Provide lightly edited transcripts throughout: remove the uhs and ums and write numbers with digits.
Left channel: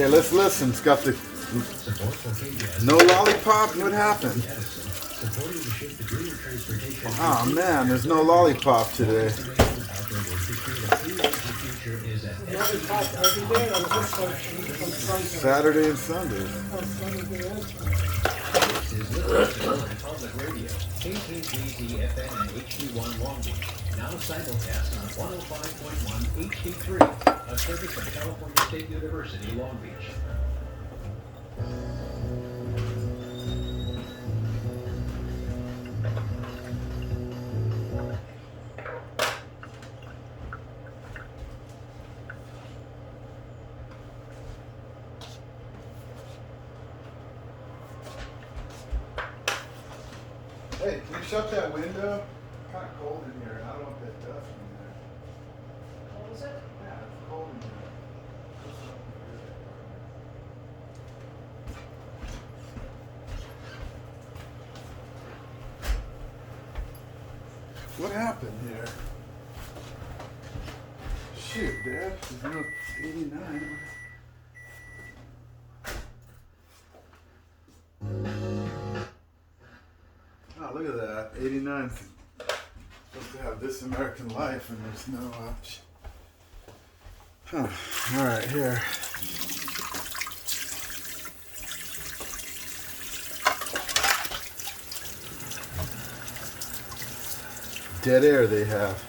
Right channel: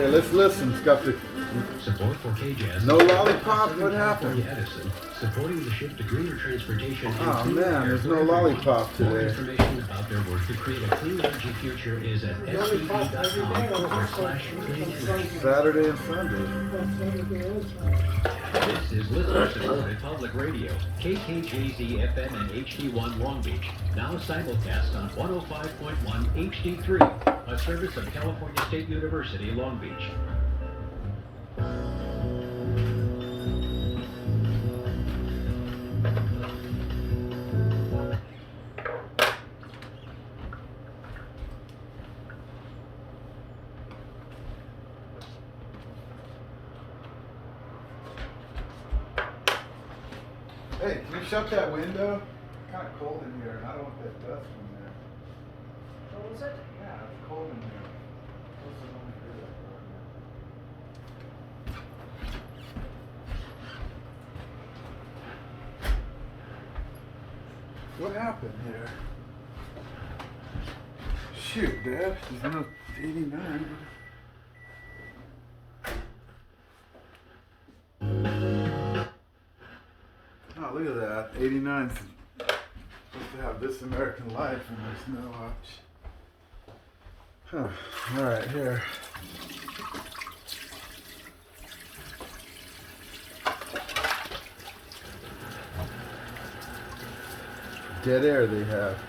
Okay, let's listen. It's got the Support for KJAS. no lollipop. What happened? Edison, supporting the shift to greener transportation. Oh man, there's no lollipop today. Information about their work to create a clean energy future is at Saturday and Sunday. This is listener-supported public radio, KKJZ FM and HD1 Long Beach, now simulcast on 105.1 HD3, a service of California State University, Long Beach. Hey, can you shut that window? It's kind of cold in here, and I don't want that dust in there. What was it? Yeah, it's cold in here. Doesn't look good. What happened here? Shoot, Dad. There's no 89. Oh, look at that. 89 supposed to have This American Life, and there's no All right, here. Dead air they have.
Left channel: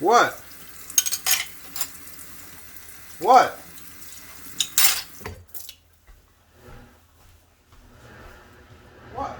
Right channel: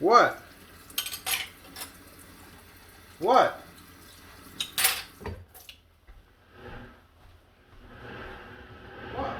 What? What? What?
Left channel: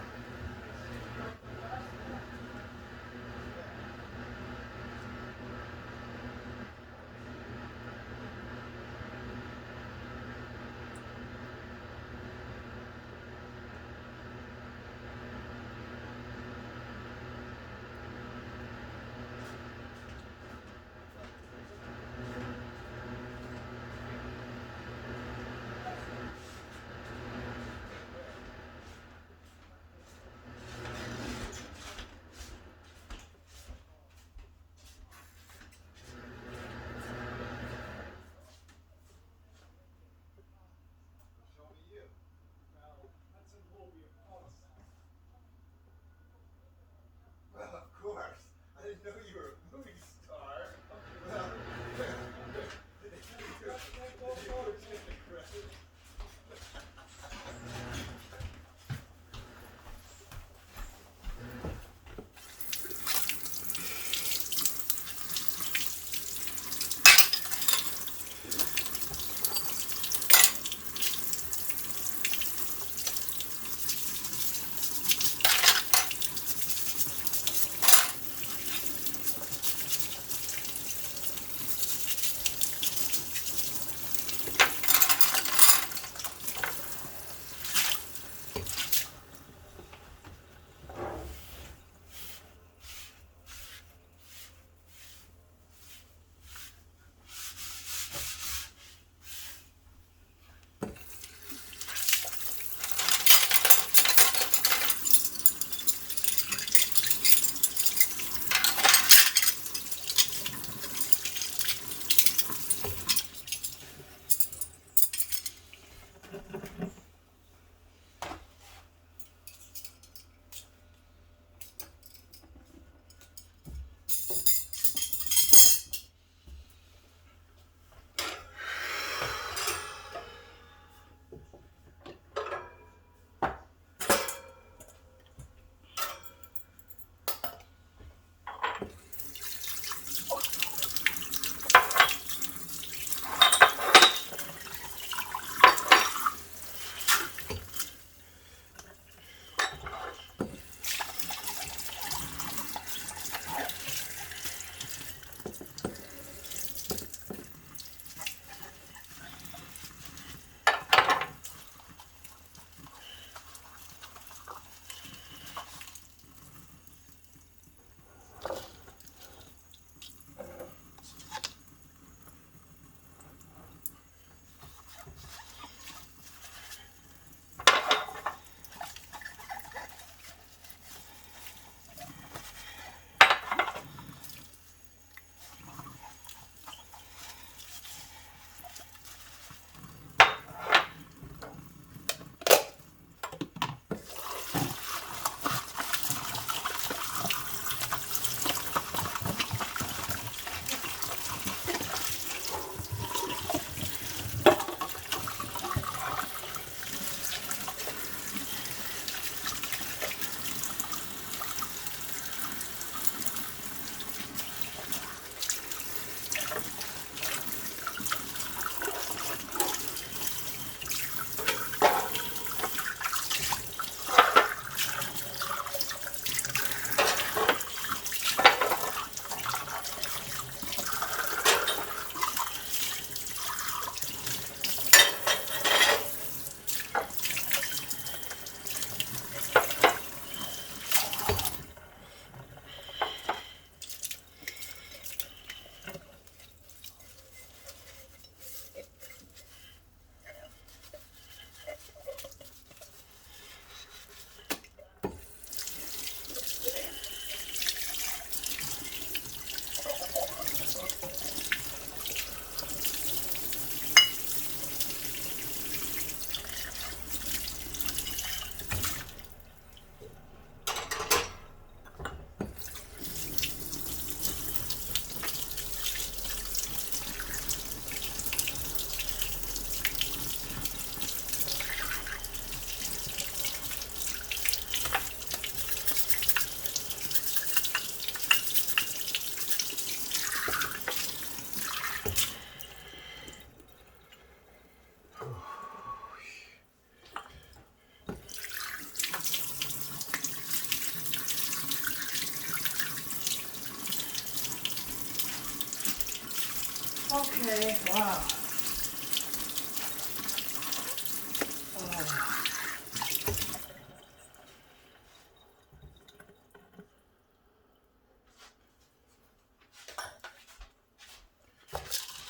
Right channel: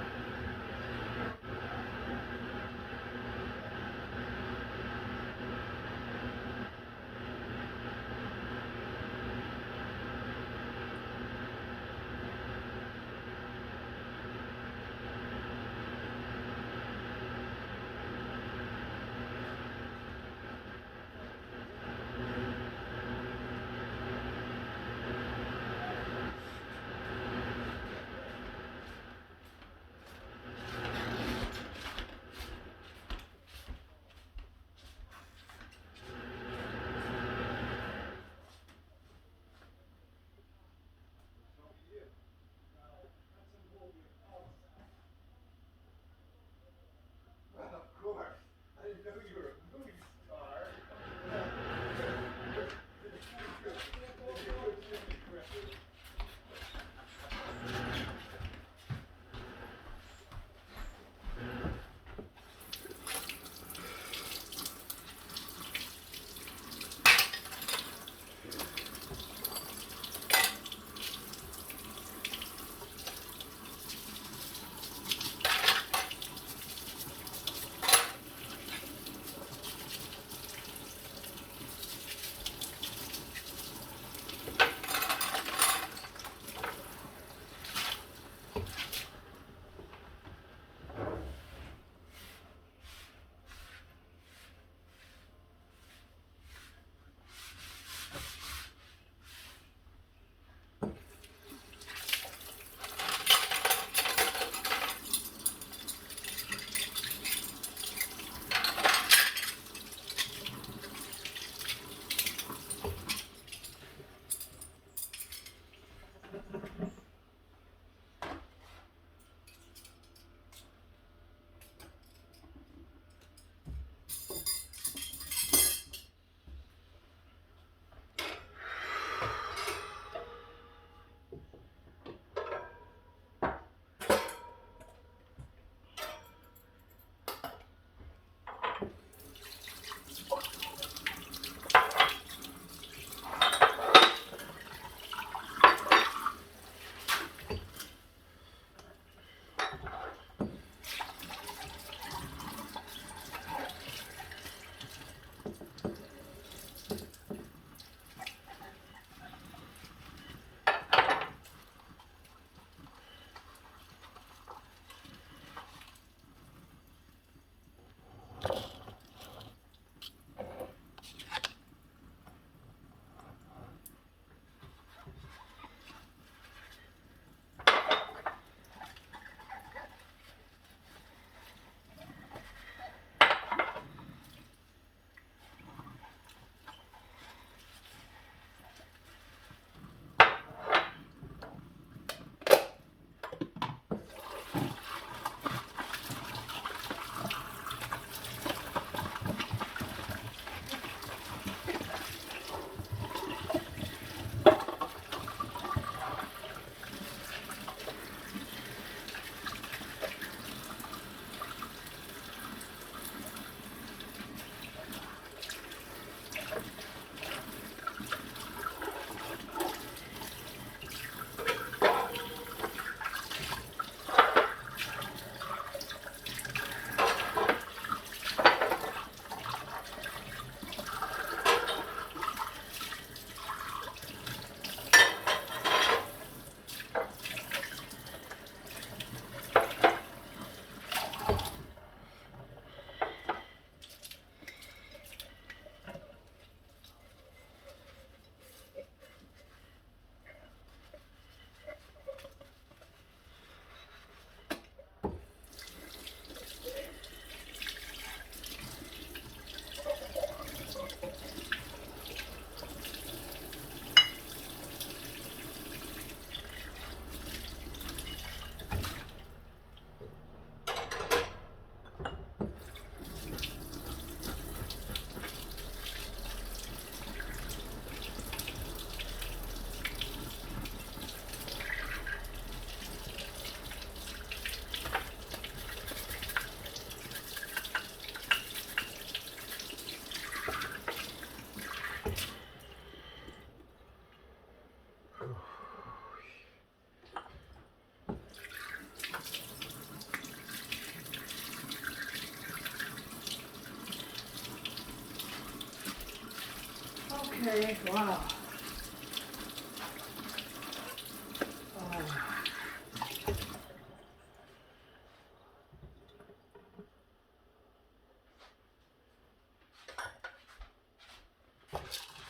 Okay, wow.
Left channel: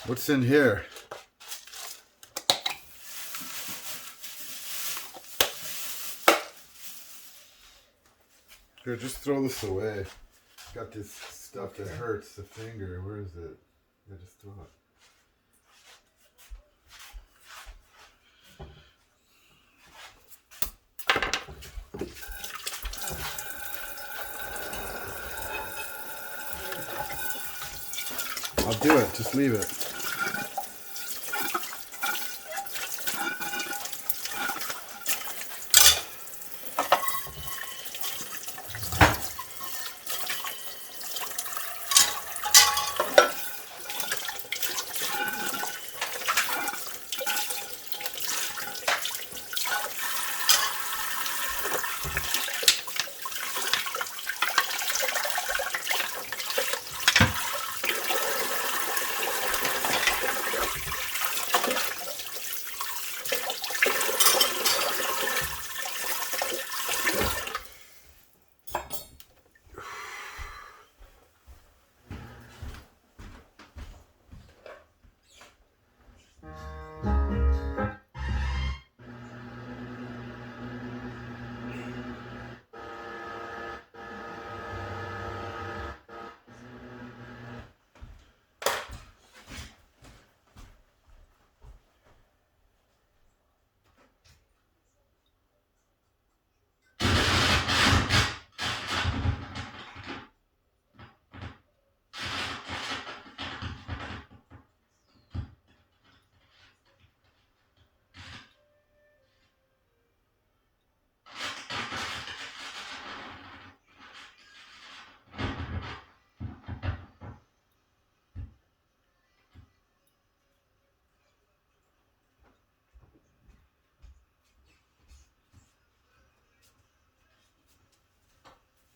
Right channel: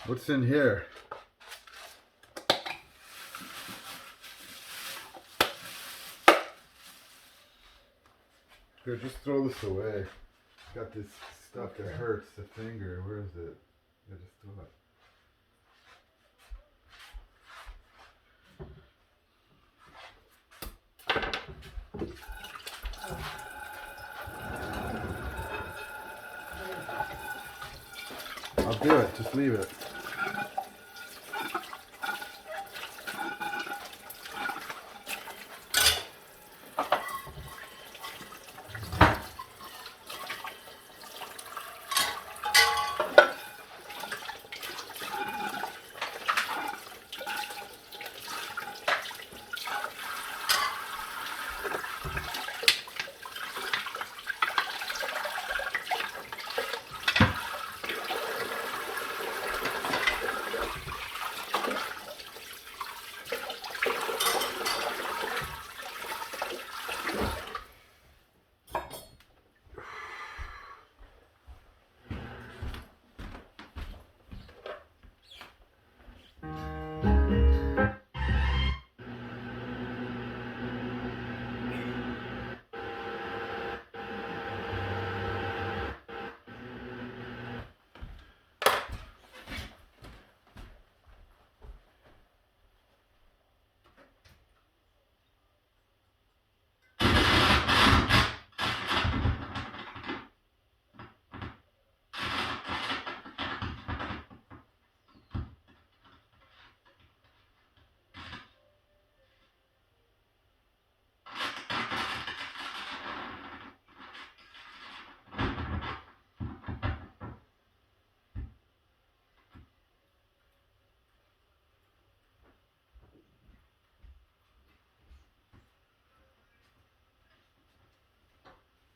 What's in here? Here, just throw this away. Got this stuff that hurts the finger. Where is it? Yeah, just throw it. I'll do it. Just leave it.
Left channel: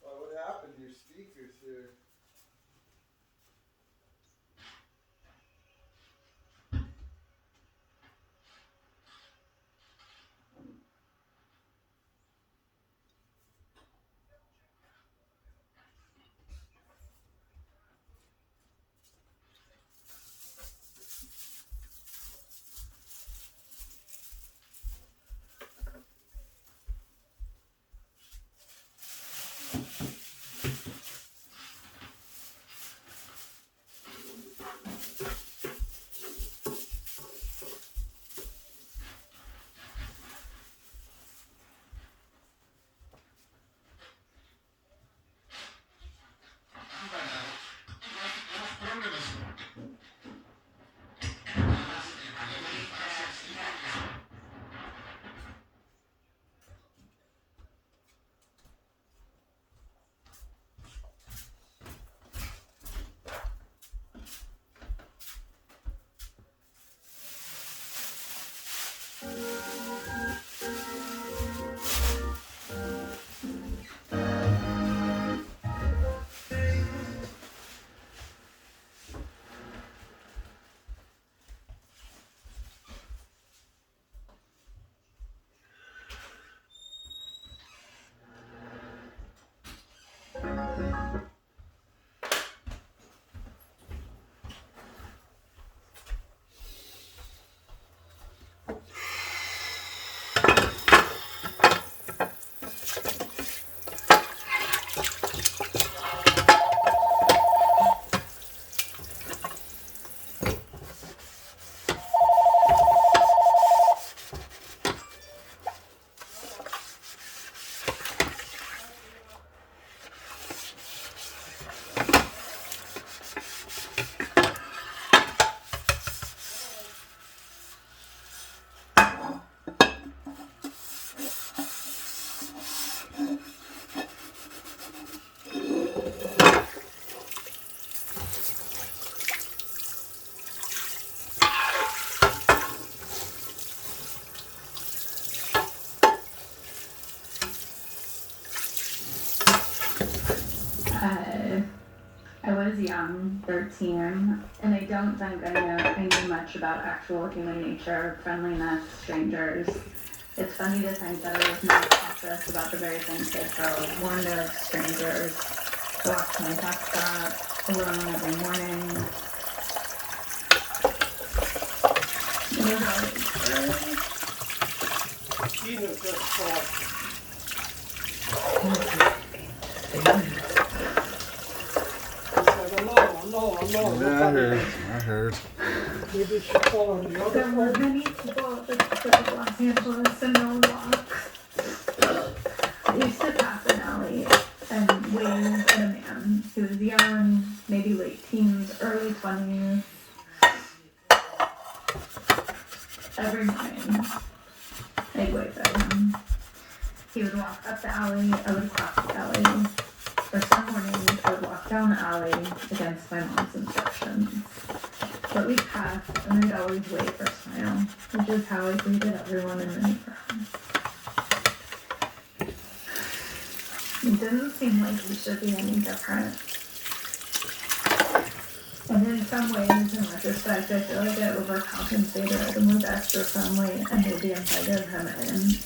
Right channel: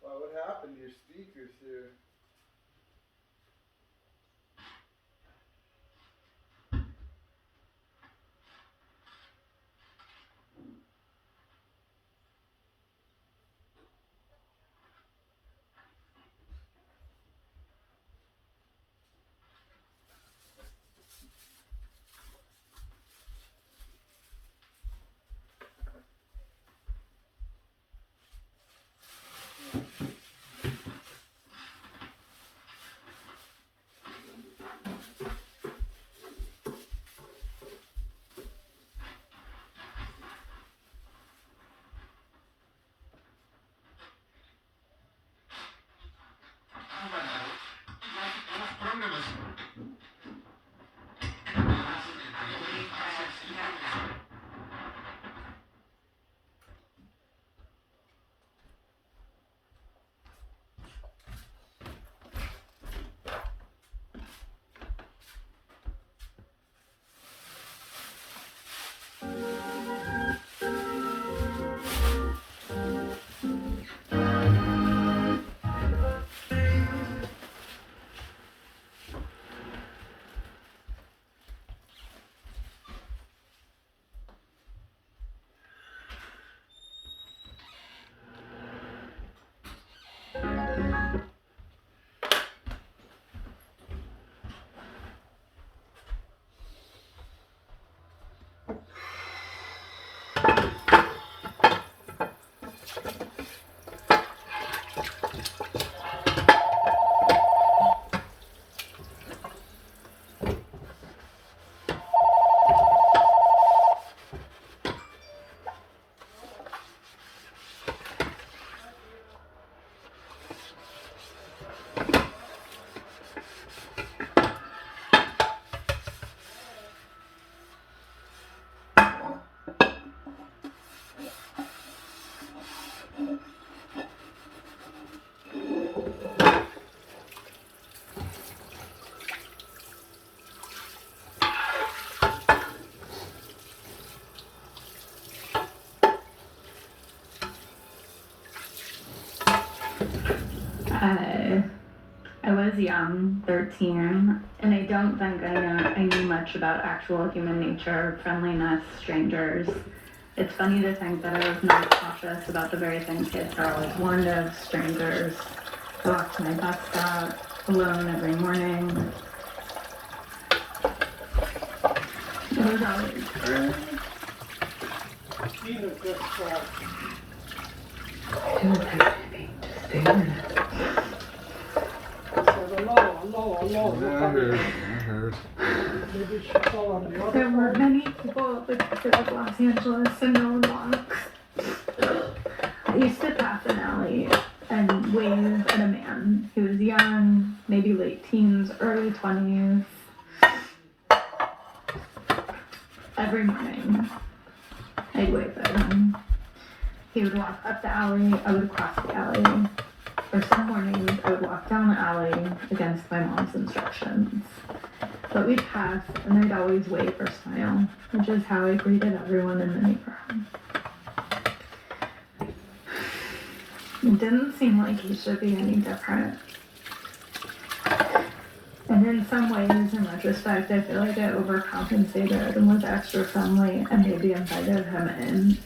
Wow, what happened to your speakers here? I was young, 13, and I don't think I knew much about actual human nature, friendliness, strangers. It's funny to think that I was not cautious about the very things kids are warned of, strangers. I walked to my bus stop alone every morning. It was always early. I heard. There were many people at the tip of Los Angeles and no one walks. I used to pass an alley and wave at a man who was young, maybe late teens, early 20s. Every morning, I'd wave at him. He would walk up the alley, I would cross the alley. Or some mornings, I would walk down the alley against my mom's instructions. But we'd pass, and I'd always wave or smile, which is how I greeted everyone in the neighborhood. It didn't seem like he should be any different. And in some ways, in retrospect, I feel like I overcompensated and was extra friendly and maybe invited him in.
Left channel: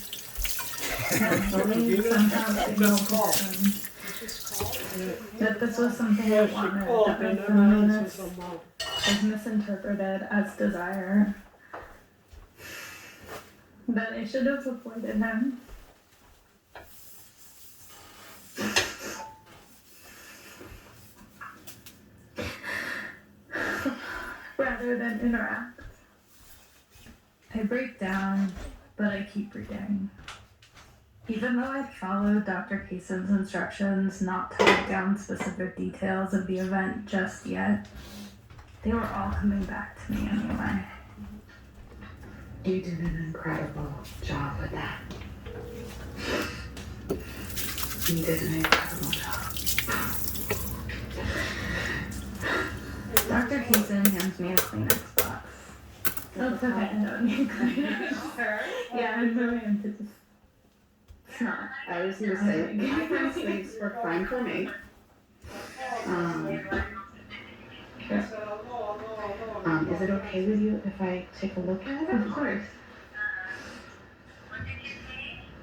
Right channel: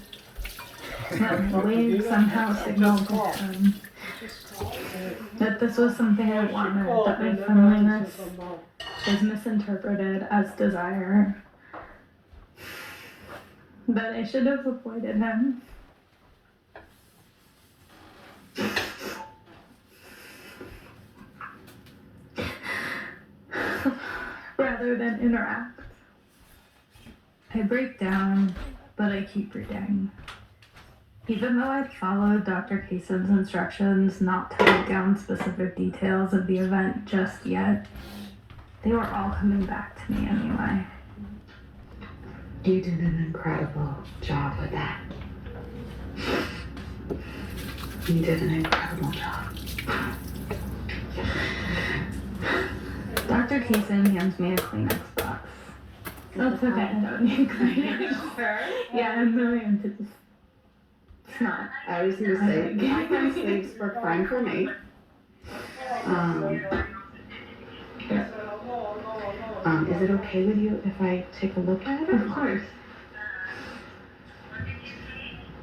And the wave somehow signaled to him that this was something I wanted, that my friendliness was misinterpreted as desire. But I should have avoided him. Rather than interact. I break down, but I keep reading. Even though I'd followed Dr. Kaysen's instructions not to write down specific details of the event just yet, they were all coming back to me anyway. You did an incredible job with that. You did an incredible job. Dr. Kaysen hands me a Kleenex box. That's okay, I don't need Kleenex. Yeah, I'm really into this. It's not. I was gonna say, my friend sleeves work fine for me. Is it okay with you if I take a look at it? Of course.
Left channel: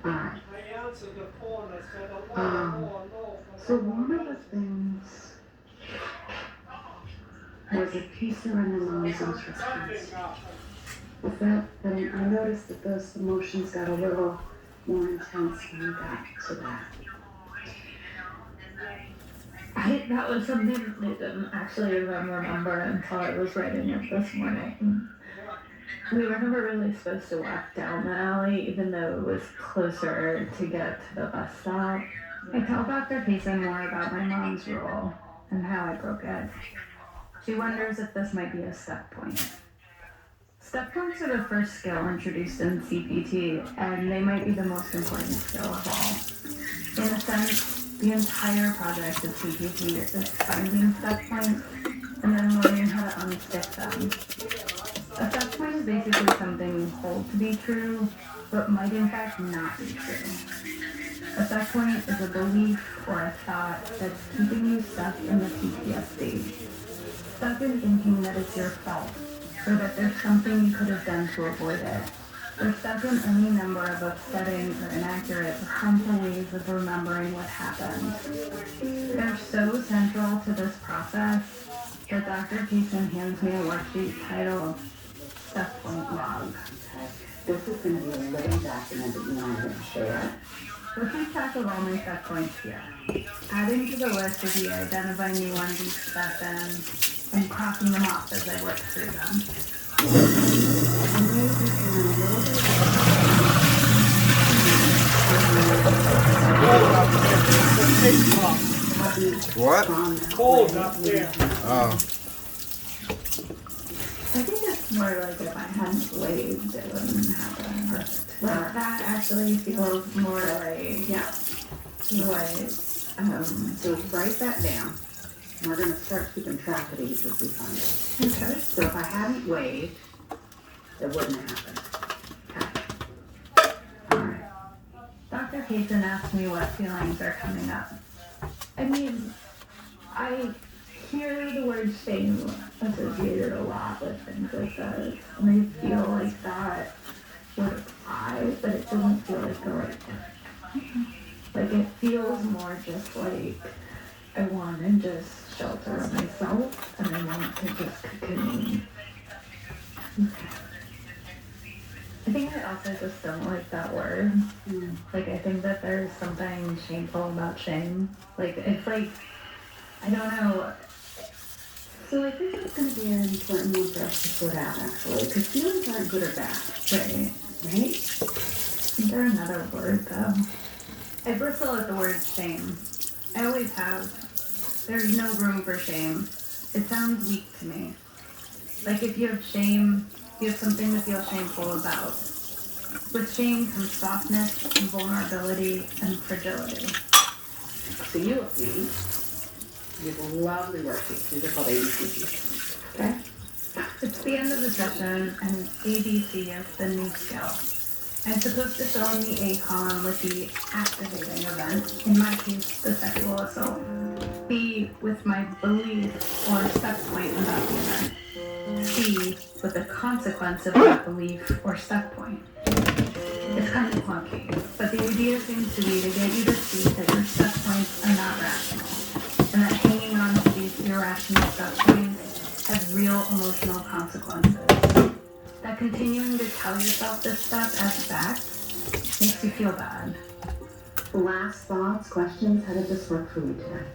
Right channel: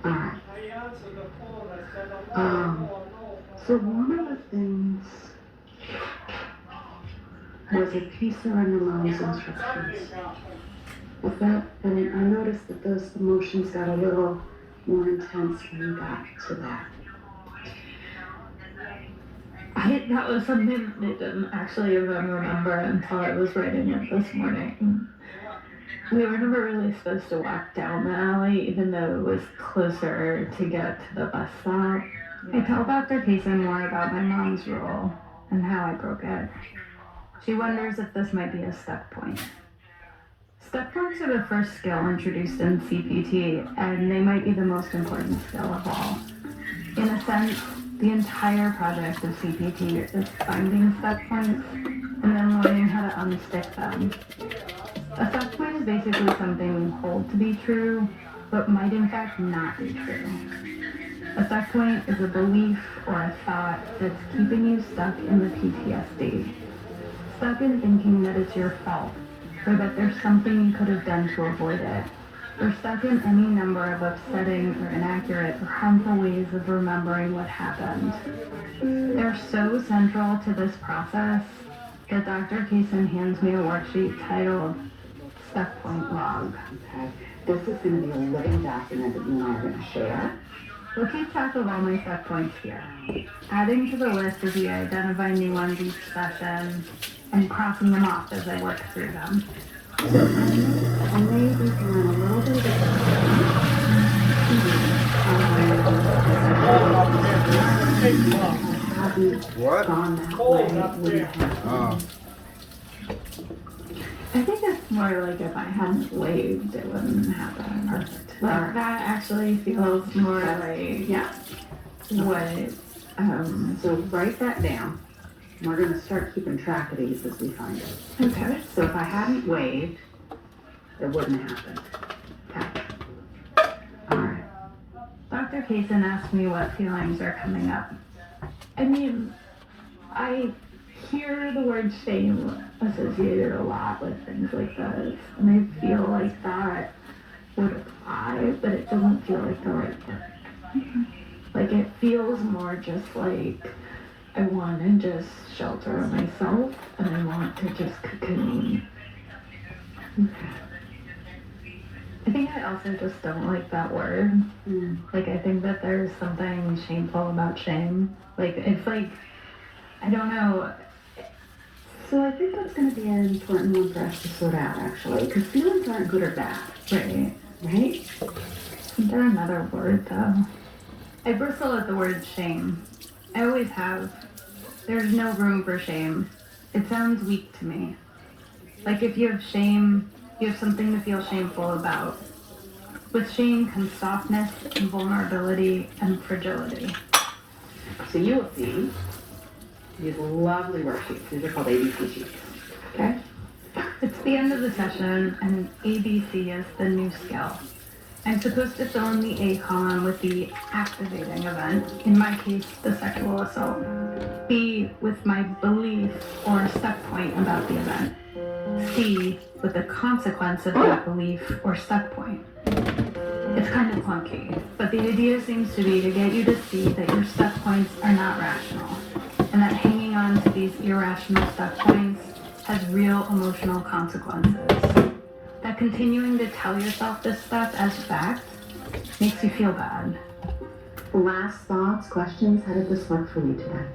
Alright. So one of the things was a piece around the mom's instructions. With that, and I noticed that those emotions got a little more intense when you got to that. That was something they didn't actually even remember until I was writing it this morning. We were never really supposed to walk down the alley, even though it was closer to get to the bus stop. I tell Dr. Kaysen more about my mom's rule and how I broke it. She wonders if this might be a step point. Step points are the first skill introduced in CPT, and they might be the most important skill of all. In a sense, the entire project of CPT is finding step points and then learning how to unstick them. A step point is basically something we hold to be true, but might in fact not be true. A step point is a belief or a thought that's keeping you stuck in the PTSD. Stuck in thinking that it's your fault, or that there's something you could have done to avoid it. Or stuck in any number of upsetting or inaccurate or harmful ways of remembering what happened. They're so central to this process that Dr. Kaysen hands me a worksheet titled Step Point Log. Okay. This is going to be a living document that you and I are going to share. We'll keep track of all my step points here, adding to the list as we identify new ones each session, and crossing them off as I work through them. And maybe we can learn a little bit What? Cold up there. Oh. I think it's more like if I hadn't waved, it wouldn't happen. Perfect. Like that actually feels more like, Yeah. what, So write that down. We're going to start keeping track of these as we find it. okay. So if I hadn't waved, it wouldn't happen. Okay. All right. Dr. Kaysen asked me what feelings are coming up. I mean, hear the word shame associated a lot with things like this, and I feel like that would apply, but it doesn't feel like the right thing. Like, it feels more just like I want to just shelter myself, and I want to just cocoon. I think I also just don't like that word. Like, I think that there's something shameful about shame. Like, it's like, I don't know. So I think that's going to be an important one for us to sort out, actually, because feelings aren't good or bad, Right. right? Isn't there another word, though? I bristle at the word shame. I always have. There's no room for shame. It sounds weak to me. Like, if you have shame, you have something to feel shameful about. With shame comes softness and vulnerability and fragility. So you will see these lovely worksheets. These are called ABC sheets. Okay? It's the end of the session, and ABC is the new skill. I'm supposed to fill in the A column with the activating event, in my case, the sexual assault. B with my belief or set point about the event. C with the consequence of that belief or set point. It's kind of clunky, but the idea seems to be to get you to see that your set points are not rational, and that hanging on to these irrational set points has real emotional consequences. That continuing to tell yourself this stuff as fact makes you feel bad. Last thoughts, questions? How did this work for you today?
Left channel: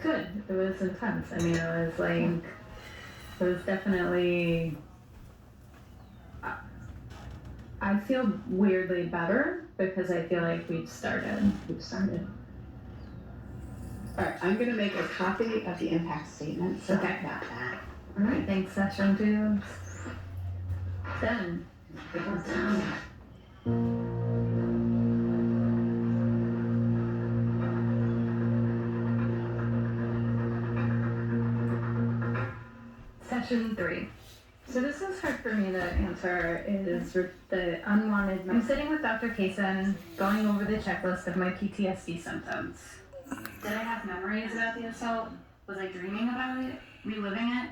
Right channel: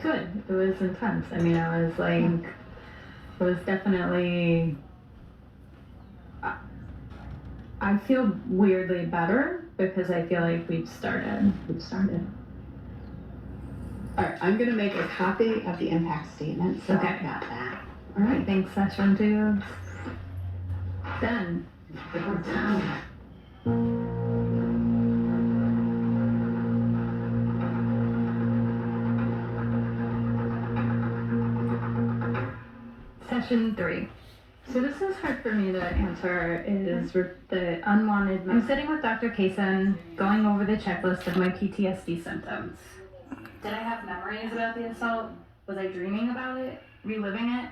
Good. It was intense. I mean, it was definitely, I feel weirdly better because I feel like we've started. All right, I'm going to make a copy of the impact statement, so Okay. I've got that. All right, thanks, session 2. Done. We're done. Session 3. So this is hard for me to answer, is the unwanted. I'm sitting with Dr. Kaysen, going over the checklist of my PTSD symptoms. Did I have memories about the assault? Was I dreaming about it? Reliving it?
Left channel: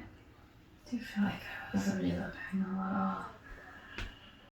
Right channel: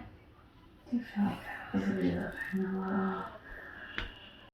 Do you feel like I was reliving a little?